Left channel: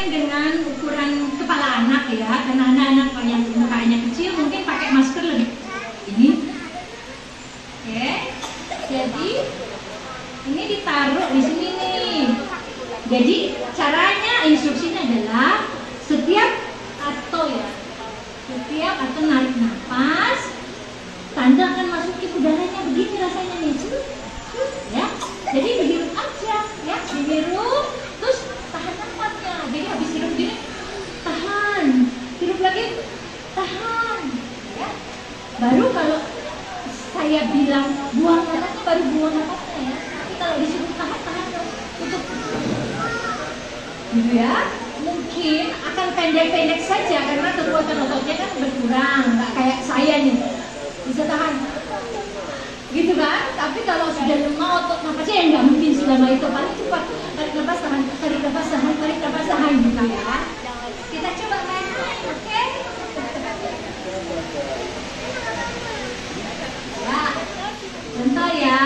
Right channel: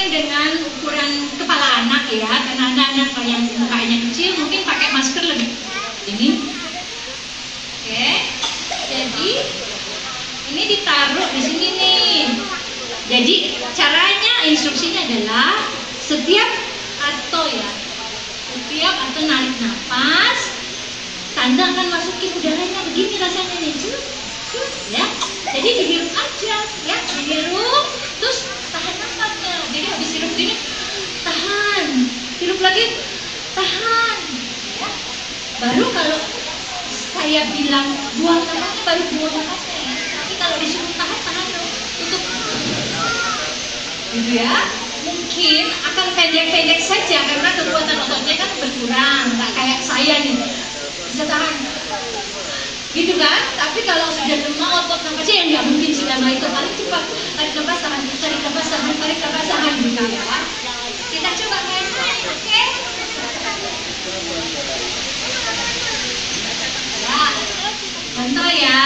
menyesuaikan dengan ukuran kepala anak ya, karena anak-anak yang mukanya kecil mungkin pakai masker lebih ini. Oke, jadi ini ditaruh di sini nih. Jadi caranya, instruksinya adalah setiap atau narik nafas, Tante akan masukin udaranya begini rasanya nih, ya. Jadi dihirup aja, ya, dihirup, terus tahan nafasnya. Jadi habis hirup gini, tahan, hirup lagi, tahan, ya. Baru kalau saya bilang buang nafasnya, baru buang nafasnya ya. Tapi kalau disuruh tahan tutup, gitu ya. Mungkin akan pendek-pendek saja karena kekuatan ototnya kan berkurang, nggak kayak saya nih bisa tahan, gitu kan? Tapi kalau sudah lemah otot nafasnya yang nggak mungkin selama itu, paling cepat tarik nafas tahan, tarik nafas tahan, tarik nafas tahan, gitu ya. Kita coba main-main, oke? Ya, contoh ya.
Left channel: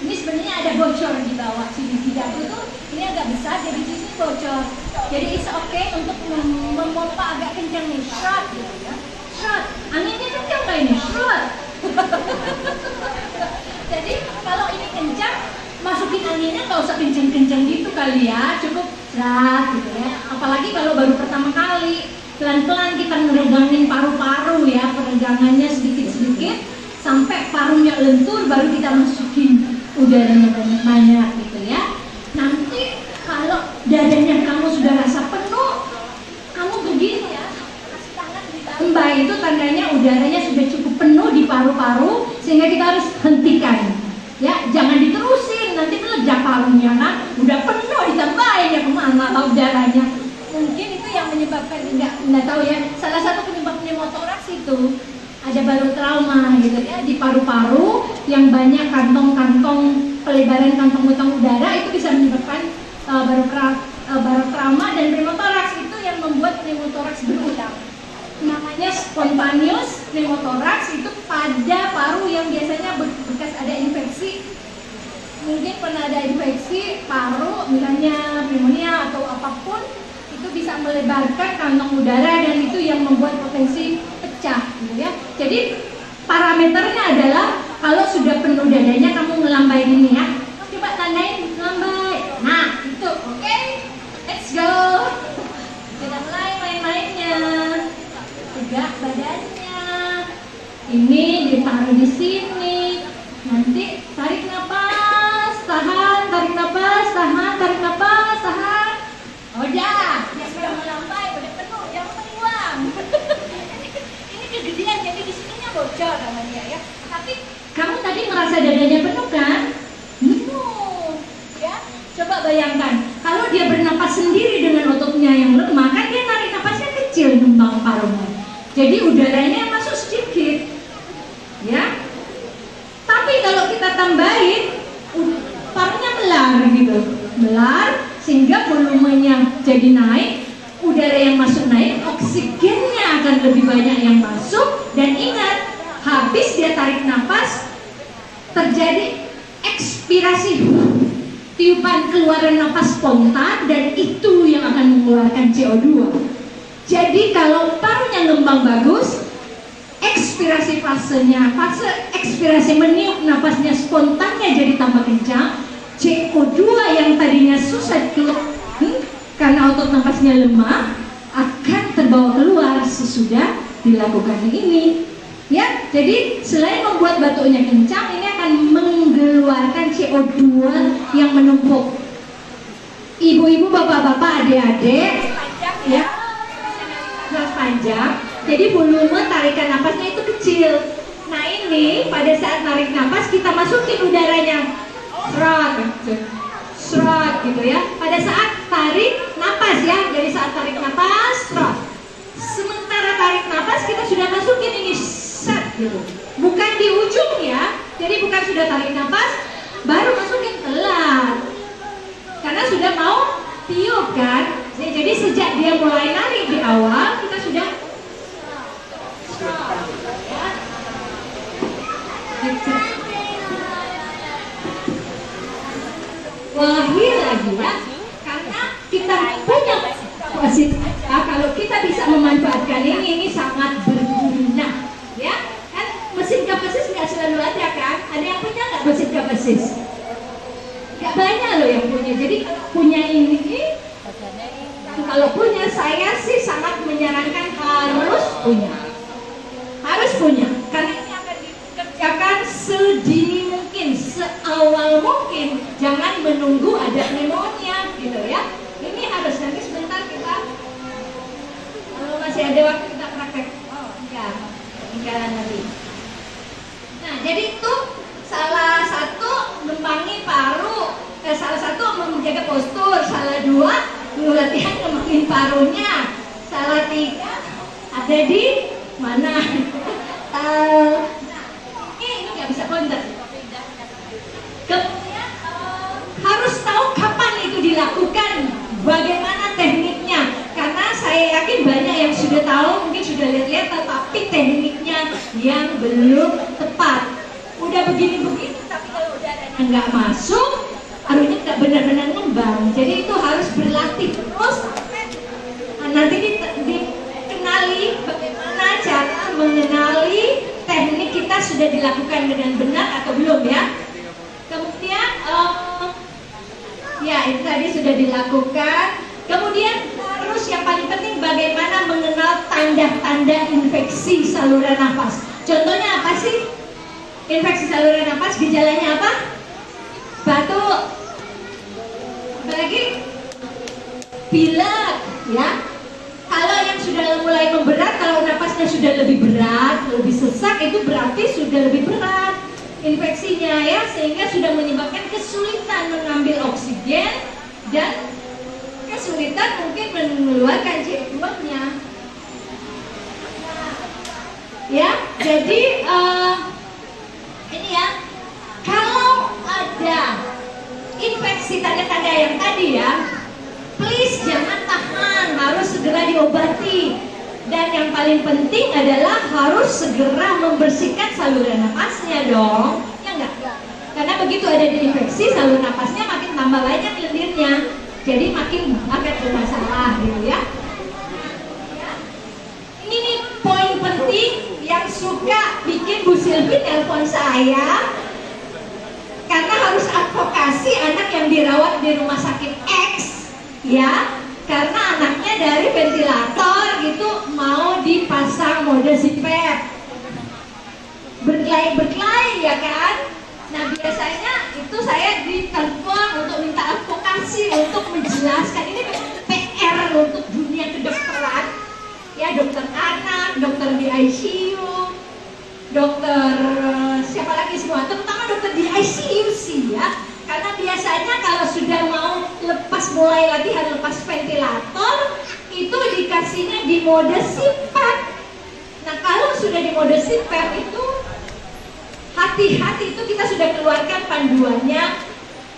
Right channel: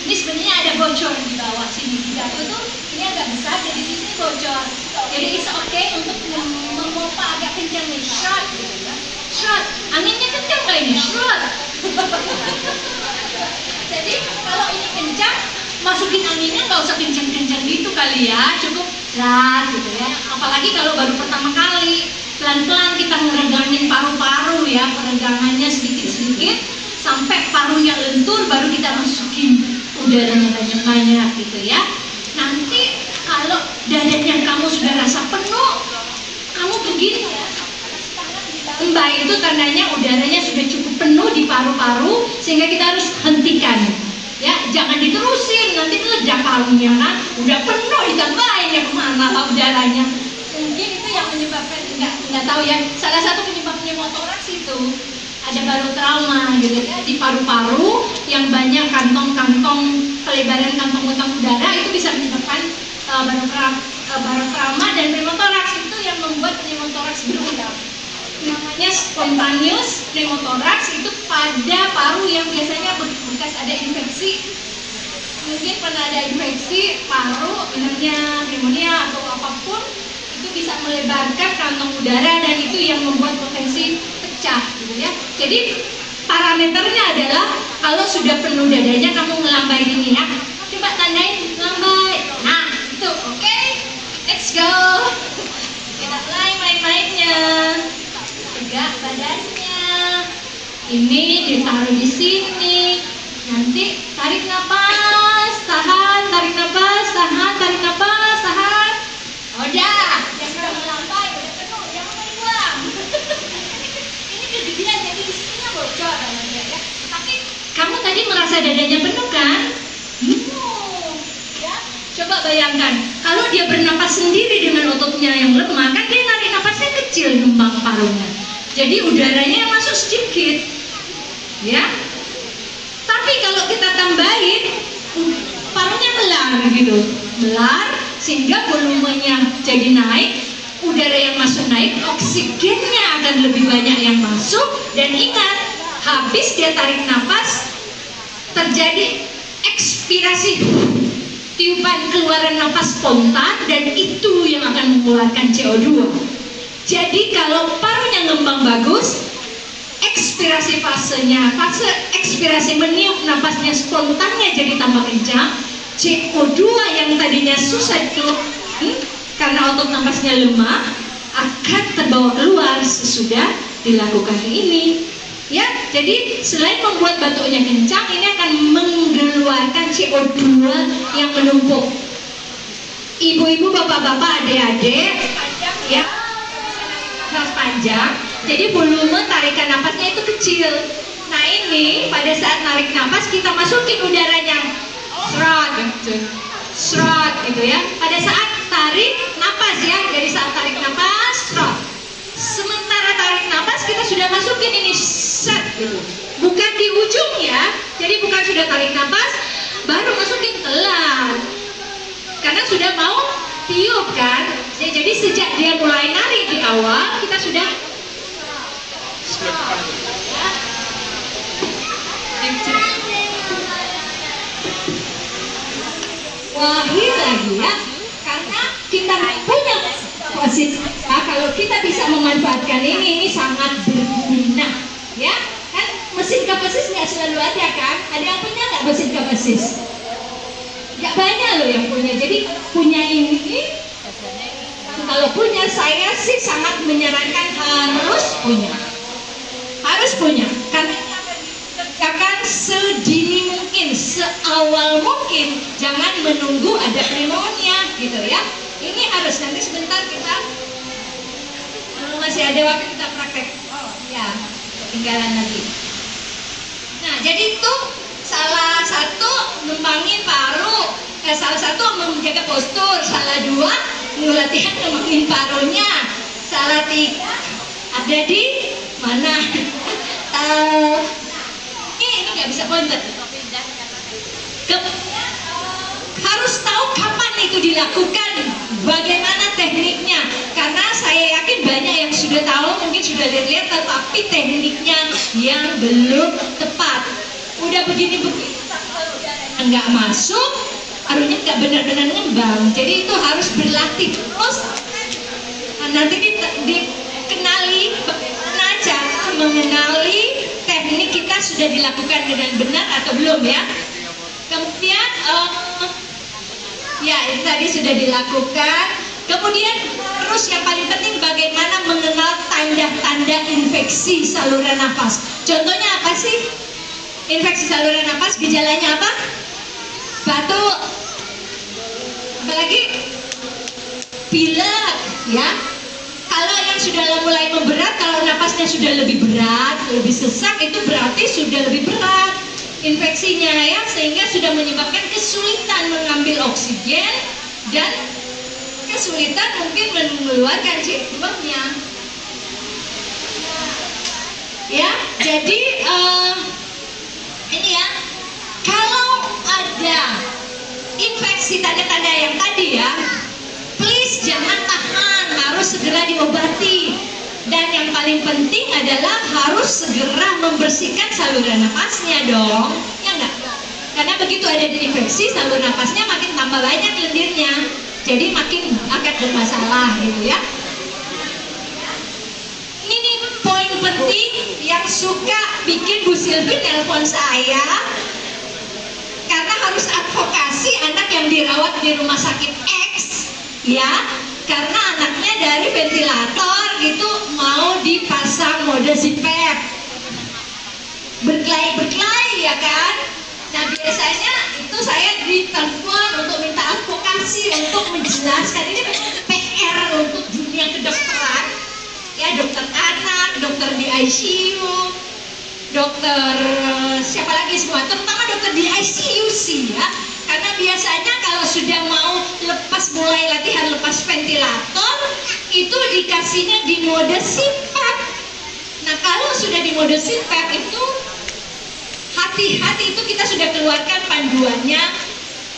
Ini sebenarnya ada bocor di bawah sini, di dadu tuh ini agak besar, jadi di sini bocor. Jadi it's okay untuk memompa agak kencang nih, shot gitu ya. Shot, anginnya kencang nggak ini? Shot. Jadi kalau ini kencang, masukin anginnya nggak usah kencang-kencang gitu kali ya, cukup lah gitu ya. Apalagi kalau baru pertama kali, pelan-pelan kita meregangin paru-paru ya, peregangannya sedikit-sedikit sampai parunya lentur, baru kita masukin udaranya banyak-banyak gitu ya. Nanti kalau dadanya kamu sudah rasa penuh, kamu begini ya, kasih tangan di bawah. Mbak itu tandanya udaranya sudah cukup penuh di paru-paru, sehingga kita harus hentikan. Ya, jangan diterusin, nanti meledak parunya kan. Udah penuh ditambahin ya, kemana udaranya. Mungkin itu yang menyebabkan, nggak tahu ya. Salah satu penyebab pneumotoraks itu ada barotrauma gitu ya, di paru-paru yang banyak kantong-kantong, pelebaran kantong utang udara, itu bisa menyebabkan barotrauma, dan pneumotoraks itu yang membuat pneumotoraks berulang. Namanya spontaneous pneumotoraks, itu pada paru yang biasanya bekas ada infeksi. Mungkin pernah ada infeksi paru, misalnya pneumonia atau apapun, itu bisa melebarkan kantong udara dan itu yang membuat potensi pecah gitu ya. Jadi parameternya adalah kalau sudah penuh dadanya kamu ngelambai ini ya. Coba tandain lambai. Nah, itu oke. Let's go. Kita mulai main-mainnya. Tegak badannya. Ini ditaruh di sini. Nanti tarik napas, tahan, tarik napas, tahan, tarik napas, tahan. Udah, ya sudah melambai, udah penuh, jangan dibuang. Ini kegedean, jadi di sininya bocor namanya ya. Tapi kamu tadi merasa dadanya penuh kan? Ya. Coba bayangkan, kalau dia bernapas sendiri dengan ototnya yang lemah, kan dia narik napasnya kecil, gelombang parunya. Jadi udaranya yang masuk sedikit, ya. Tapi kalau kita tambahin, parunya melar gitu, melar, sehingga volumenya jadi naik, udara yang masuk naik, oksigennya akan lebih banyak yang masuk, dan ingat, habis dia tarik nafas, terjadi ekspirasi, tiupan keluaran nafas spontan, dan itu yang akan mengeluarkan CO2. Jadi kalau parunya ngembang bagus, ekspirasi fasenya, fase ekspirasi meniup nafasnya spontannya jadi tambah kencang, CO2 yang tadinya susah dikeluarkan karena otot nafasnya lemah akan terbawa keluar sesudah dilakukan ini. Ya, jadi selain membuat batuknya kencang, ini akan mengeluarkan CO2 yang menumpuk. Ibu-ibu, bapak-bapak, adik-adik, ya, nafas panjang. Jadi volume tarikan nafasnya itu kecil. Nah ini pada saat narik nafas kita masukin udaranya, serot, serot gitu ya. Pada saat tarik nafas ya, dari saat tarik nafas, serot. Sementara tarik nafas kita sudah masukin ini set gitu. Bukan di ujung ya. Jadi bukan sudah tarik nafas baru masukin, telat. Karena sudah mau tiup kan. Jadi sejak dia mulai narik di awal kita sudah wahir lagi ya, karena kita punya positif aja. Kalau kita bisa memanfaatkan ini sangat berguna, ya kan? Mesin kapasis nggak selalu ada kan? Ada yang punya nggak mesin kapasis? Nggak banyak loh yang punya. Jadi punya ini, kalau punya saya sih sangat menyarankan harus punya, karena ini akan dikerjakan sedini mungkin, seawal mungkin, jangan menunggu ada pneumonia gitu ya. Ini harus, nanti sebentar kita kalau masih ada waktu kita praktek. Oh ya, ketinggalan lagi. Nah, jadi itu salah satu ngembangin paru, salah satu menjaga postur, salah dua latihan ngembangin parunya, salah tiga ada di mana? Ini nggak bisa konten. Kemudian harus tahu kapan itu dilakukan, bagaimana tekniknya, karena saya yakin banyak yang sudah tahu, mungkin sudah lihat-lihat, tetapi tekniknya yang belum tepat. Udah begini-begini, tapi kalau udaranya nggak masuk, parunya nggak benar-benar ngembang. Jadi itu harus berlatih terus. Nah, nanti dikenali bagaimana cara mengenali teknik kita sudah dilakukan dengan benar atau belum ya. Kemudian ya itu tadi sudah dilakukan. Kemudian terus yang paling penting bagaimana mengenal tanda-tanda infeksi saluran nafas. Contohnya apa sih? Infeksi saluran nafas, gejalanya apa? Batuk, apalagi pilek ya. Kalau yang sudah mulai memberat, kalau napasnya sudah lebih berat, lebih sesak, itu berarti sudah lebih berat infeksinya ya, sehingga sudah menyebabkan kesulitan mengambil oksigen dan kesulitan mungkin mengeluarkan C2-nya. Ya, jadi ini ya, kalau ada infeksi tanda-tanda yang tadi ya, please jangan tahan, harus segera diobati. Dan yang paling penting adalah harus segera membersihkan saluran nafasnya dong, ya enggak? Karena begitu ada infeksi, saluran nafasnya makin tambah banyak lendirnya, jadi makin akan bermasalah gitu ya. Ini poin penting yang suka bikin Bu Silvi nelpon saya, karena harus advokasi anak yang dirawat di rumah sakit X ya, karena anaknya dari ventilator gitu mau dipasang mode CPAP berkelahi ya kan. Nah biasanya itu saya ditelepon untuk minta advokasi, untuk menjelaskan ini memang PR untuk dunia kedokteran ya, dokter anak, dokter di ICU, dokter siapa lagi semua, terutama dokter di ICU sih ya. Karena biasanya kalau sudah mau mulai latihan lepas ventilator, itu dikasihnya di mode CPAP. Nah kalau sudah di mode CPAP itu hati-hati, itu kita sudah keluarkan panduannya,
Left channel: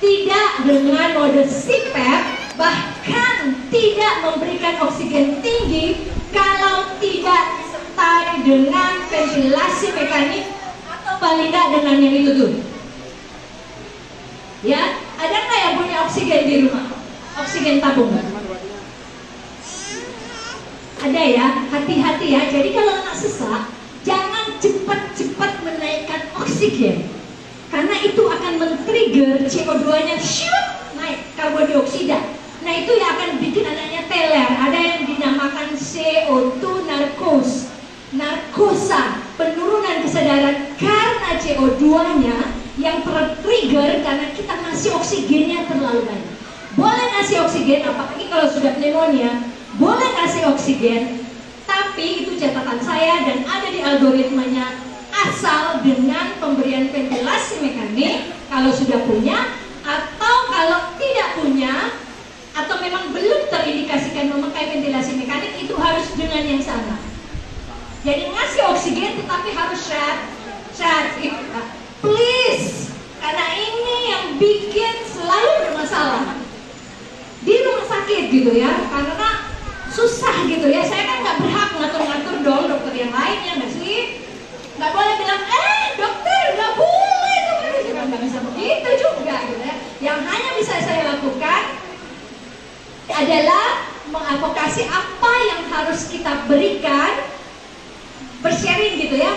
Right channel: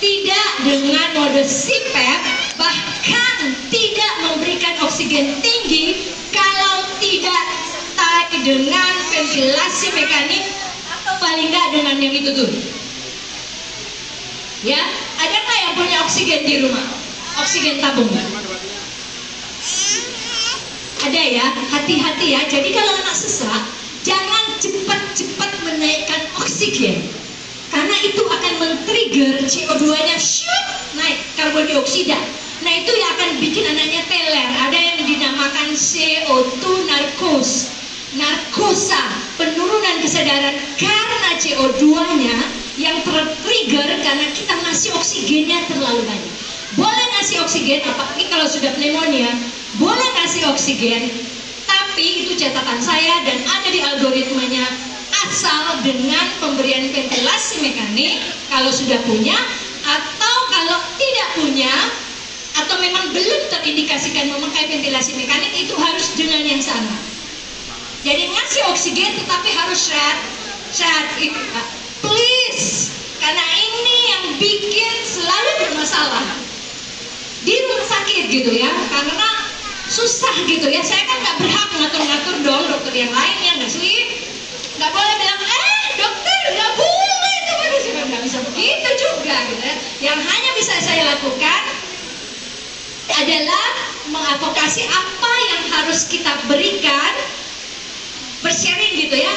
tidak dengan mode CPAP, bahkan tidak memberikan oksigen tinggi kalau tidak disertai dengan ventilasi mekanik atau paling nggak dengan yang itu tuh. Ya, ada nggak yang punya oksigen di rumah? Oksigen tabung nggak? Ada ya, hati-hati ya. Jadi kalau anak sesak, jangan cepat-cepat menaikkan oksigen, karena itu akan men-trigger CO2-nya naik, karbon dioksida. Nah itu yang akan bikin anaknya teler. Ada yang dinamakan CO2 narkosa, penurunan kesadaran karena CO2-nya yang tertrigger karena kita ngasih oksigennya terlalu banyak. Boleh ngasih oksigen, apalagi kalau sudah pneumonia, boleh ngasih oksigen, tapi itu catatan saya dan ada di algoritmanya, asal dengan pemberian ventilasi mekanik kalau sudah punya, atau kalau tidak punya atau memang belum terindikasikan memakai ventilasi mekanik, itu harus dengan yang sama. Jadi ngasih oksigen tetapi harus syarat itu, please, karena ini yang bikin selalu bermasalah di rumah sakit gitu ya, karena susah gitu ya. Saya kan nggak berhak ngatur-ngatur dong dokter yang lain, ya nggak sih? Nggak boleh bilang, dokter nggak boleh, itu nggak bisa begitu juga gitu ya. Yang hanya bisa saya lakukan adalah mengadvokasi apa yang harus kita berikan, bersharing gitu ya,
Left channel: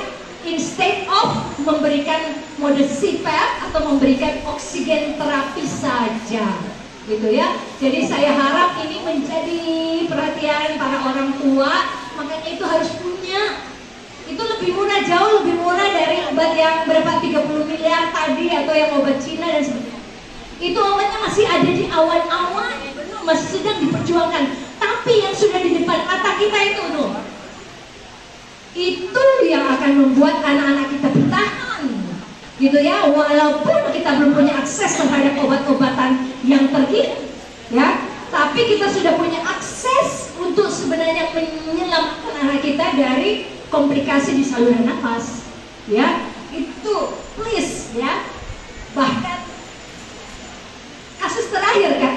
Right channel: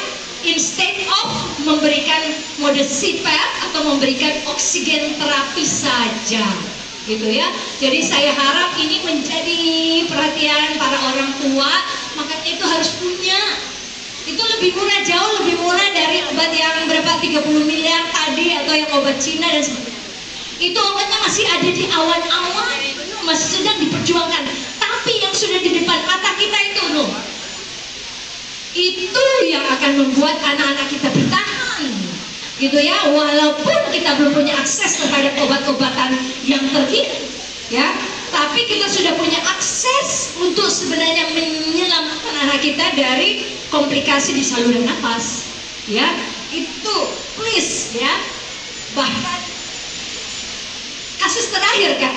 instead of memberikan mode CPAP atau memberikan oksigen terapi saja gitu ya. Jadi saya harap ini menjadi perhatian para orang tua, makanya itu harus punya. Itu lebih murah, jauh lebih murah dari obat yang berapa 30 miliar tadi atau yang obat Cina dan sebagainya. Itu obatnya masih ada di awan-awan, masih sedang diperjuangkan. Tapi yang sudah di depan mata kita itu loh, itu yang akan membuat anak-anak kita bertahan gitu ya, walaupun kita belum punya akses terhadap obat-obatan yang terkini ya, tapi kita sudah punya akses untuk sebenarnya menyelamatkan anak kita dari komplikasi di saluran nafas ya. Itu please ya. Bahkan kasus terakhir kan,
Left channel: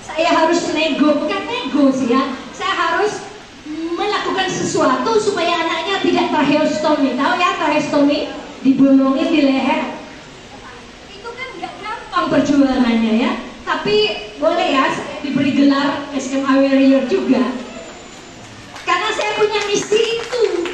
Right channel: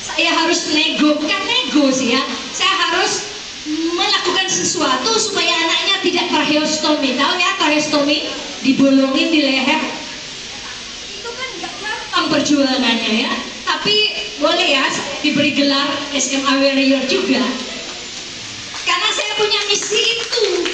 saya harus bukan nego sih ya, saya harus melakukan sesuatu supaya anaknya tidak tracheostomi. Tahu ya tracheostomi, dibolongin di leher. Itu kan gak gampang perjuangannya ya. Tapi boleh ya diberi gelar SMA Warrior juga, karena saya punya misi itu.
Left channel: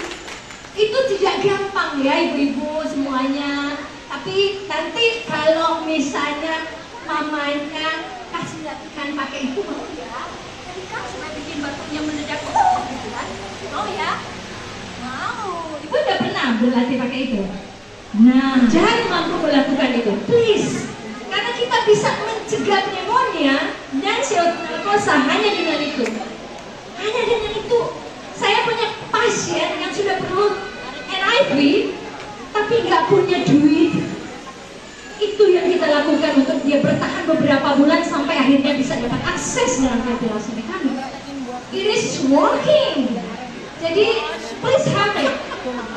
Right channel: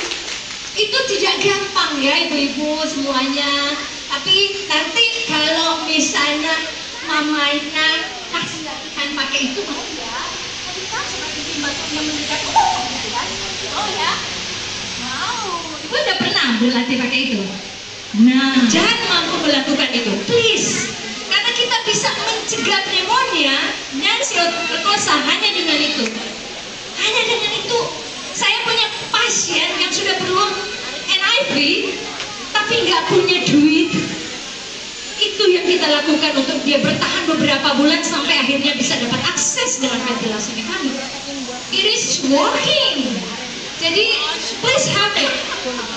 Itu tidak gampang ya ibu-ibu semuanya. Tapi nanti kalau misalnya mamanya kasih latihan pakai itu mau ya. Tapi kan sudah bikin batuknya mendekat. Oh ya, wow. Ibu udah pernah berlatih pakai itu? Nah, jangan mampu melakukan itu, please. Karena kita bisa mencegah pneumonia dan perkosa hanya dengan itu. Hanya dengan itu. Saya punya pasien yang sudah perlu NIV, tapi nggak punya duit. Itu yang kita lakukan untuk dia bertahan beberapa bulan sampai akhirnya bisa dapat akses dengan ventilasi mekanik. It is working. Jadi please have it.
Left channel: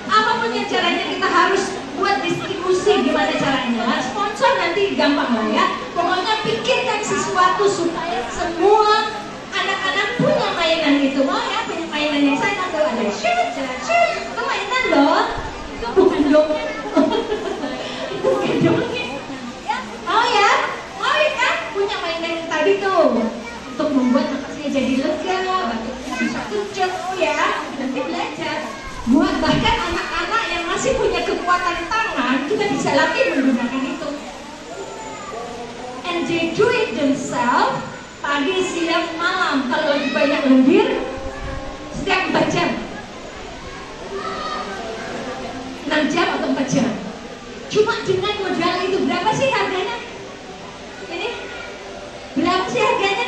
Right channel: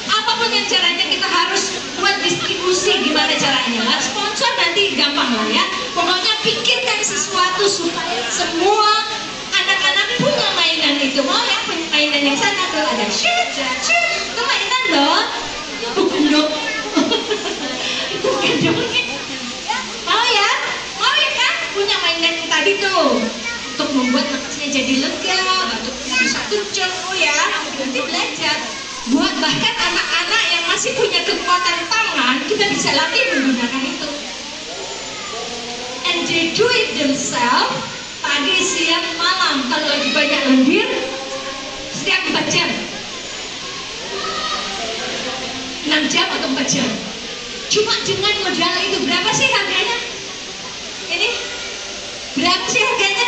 Apapun yang caranya kita harus buat distribusi gimana caranya lah. Sponsor nanti gampang lah ya. Pokoknya pikirkan sesuatu supaya semua anak-anak punya mainan itu. Mau ya punya mainan yang sana tuh ada shoot, itu mainan loh. Itu bukan dong. Itu bukan dong. Mau ya? Mau ya kan? Punya mainan yang tadi tuh untuk membuat nafasnya jadi lega, batuknya bisa kencang. Oh ya, nanti belajar. Buat bahkan anak-anak yang masih punya kekuatan tangan, kita bisa latih menggunakan itu. And they do it themselves. Pagi, siang, malam. Kalau lagi banyak lendir, setiap 4 jam, 6 jam atau 4 jam. Cuma dengan modal itu berapa sih harganya? Ini berapa sih harganya?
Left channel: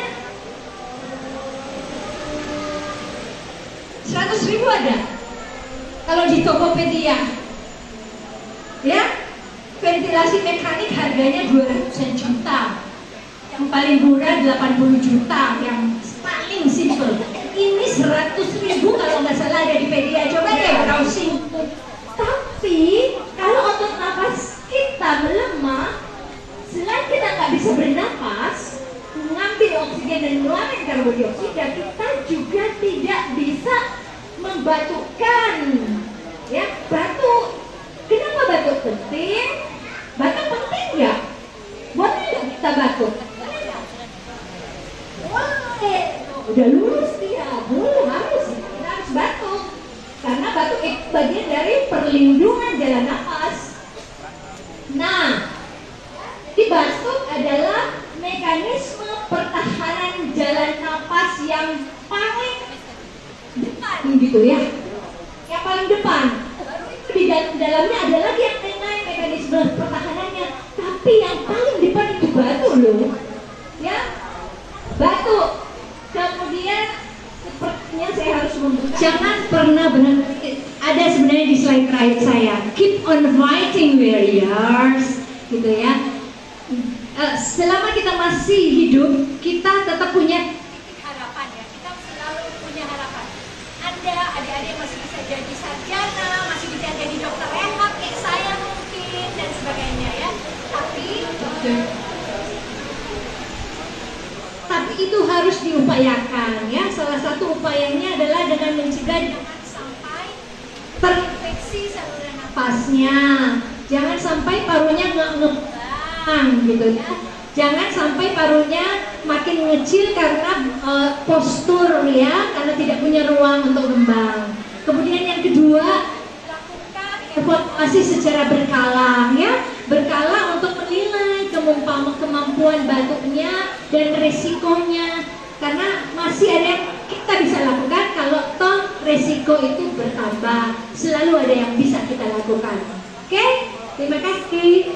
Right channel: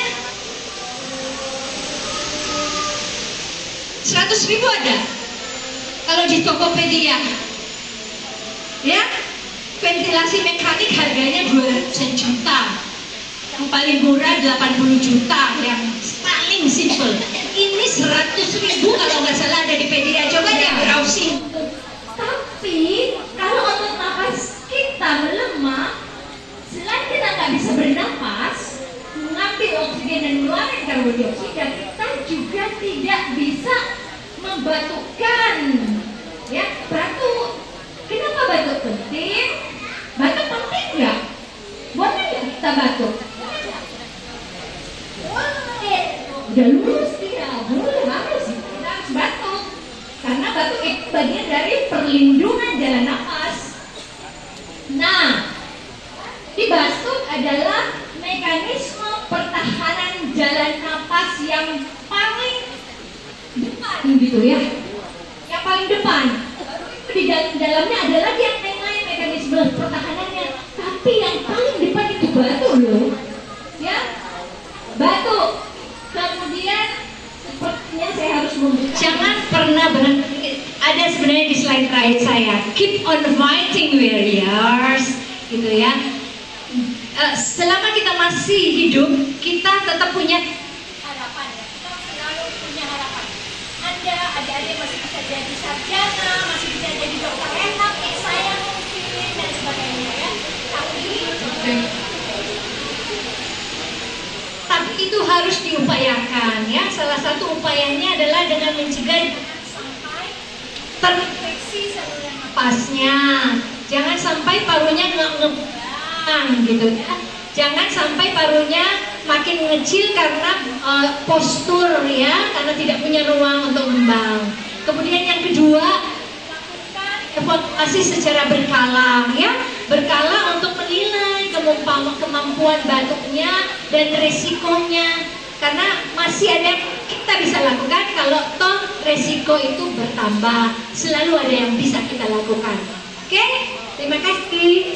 100.000 ada. Kalau di Tokopedia, ya, ventilasi mekanik harganya 200 juta. Yang paling murah 80 juta, yang paling simple. Ini 100.000 kalau nggak salah ada di Pedia. Coba deh browsing. Tapi kalau otot nafas kita melemah, selain kita nggak bisa bernapas, mengambil oksigen dan mengeluarkan karbon dioksida, kita juga tidak bisa membatukkan. Ya, batuk. Kenapa batuk penting? Batuk penting nggak? Boleh nggak kita batuk? Boleh. Udah lulus dia, boleh harus. Kita harus batuk. Karena batuk itu bagian dari perlindungan jalan nafas. Nah, di batuk adalah mekanisme pertahanan jalan nafas yang paling depan gitu ya. Yang paling depan. Di dalamnya ada lagi yang lain mekanisme pertahanannya. Tapi yang paling depan itu batuk loh. Ya. Batuk. Kemudian sepertinya saya harus membuka. Jangan pernah berhenti. Ada sebenarnya di slide terakhir saya. Keep on fighting warriors, gitu ya. Selama kita masih hidup, kita tetap punya harapan ya. Kita selalu punya harapan. Anda, adik-adik masih bisa jadi sarjana, masih bisa jadi dokter enak, kayak saya mungkin dan sebagainya ya. Tapi itu harus diupayakan ya. Salah satu upayanya adalah dengan mencegah sampai terinfeksi saluran nafasnya. Jangan sampai parunya ngebang gitu ya. Jangan sampai parunya makin mengecil karena postur ya, karena tidak punya ruang untuk kembang. Kemudian yang kedua, lakukan evaluasi secara berkala ya, berkala untuk menilai kemampuan batuknya dan risikonya, karena masih ada yang kita bisa lakukan kalau toh risiko itu bertambah, selalu ada yang bisa kita lakukan. Oke, terima kasih.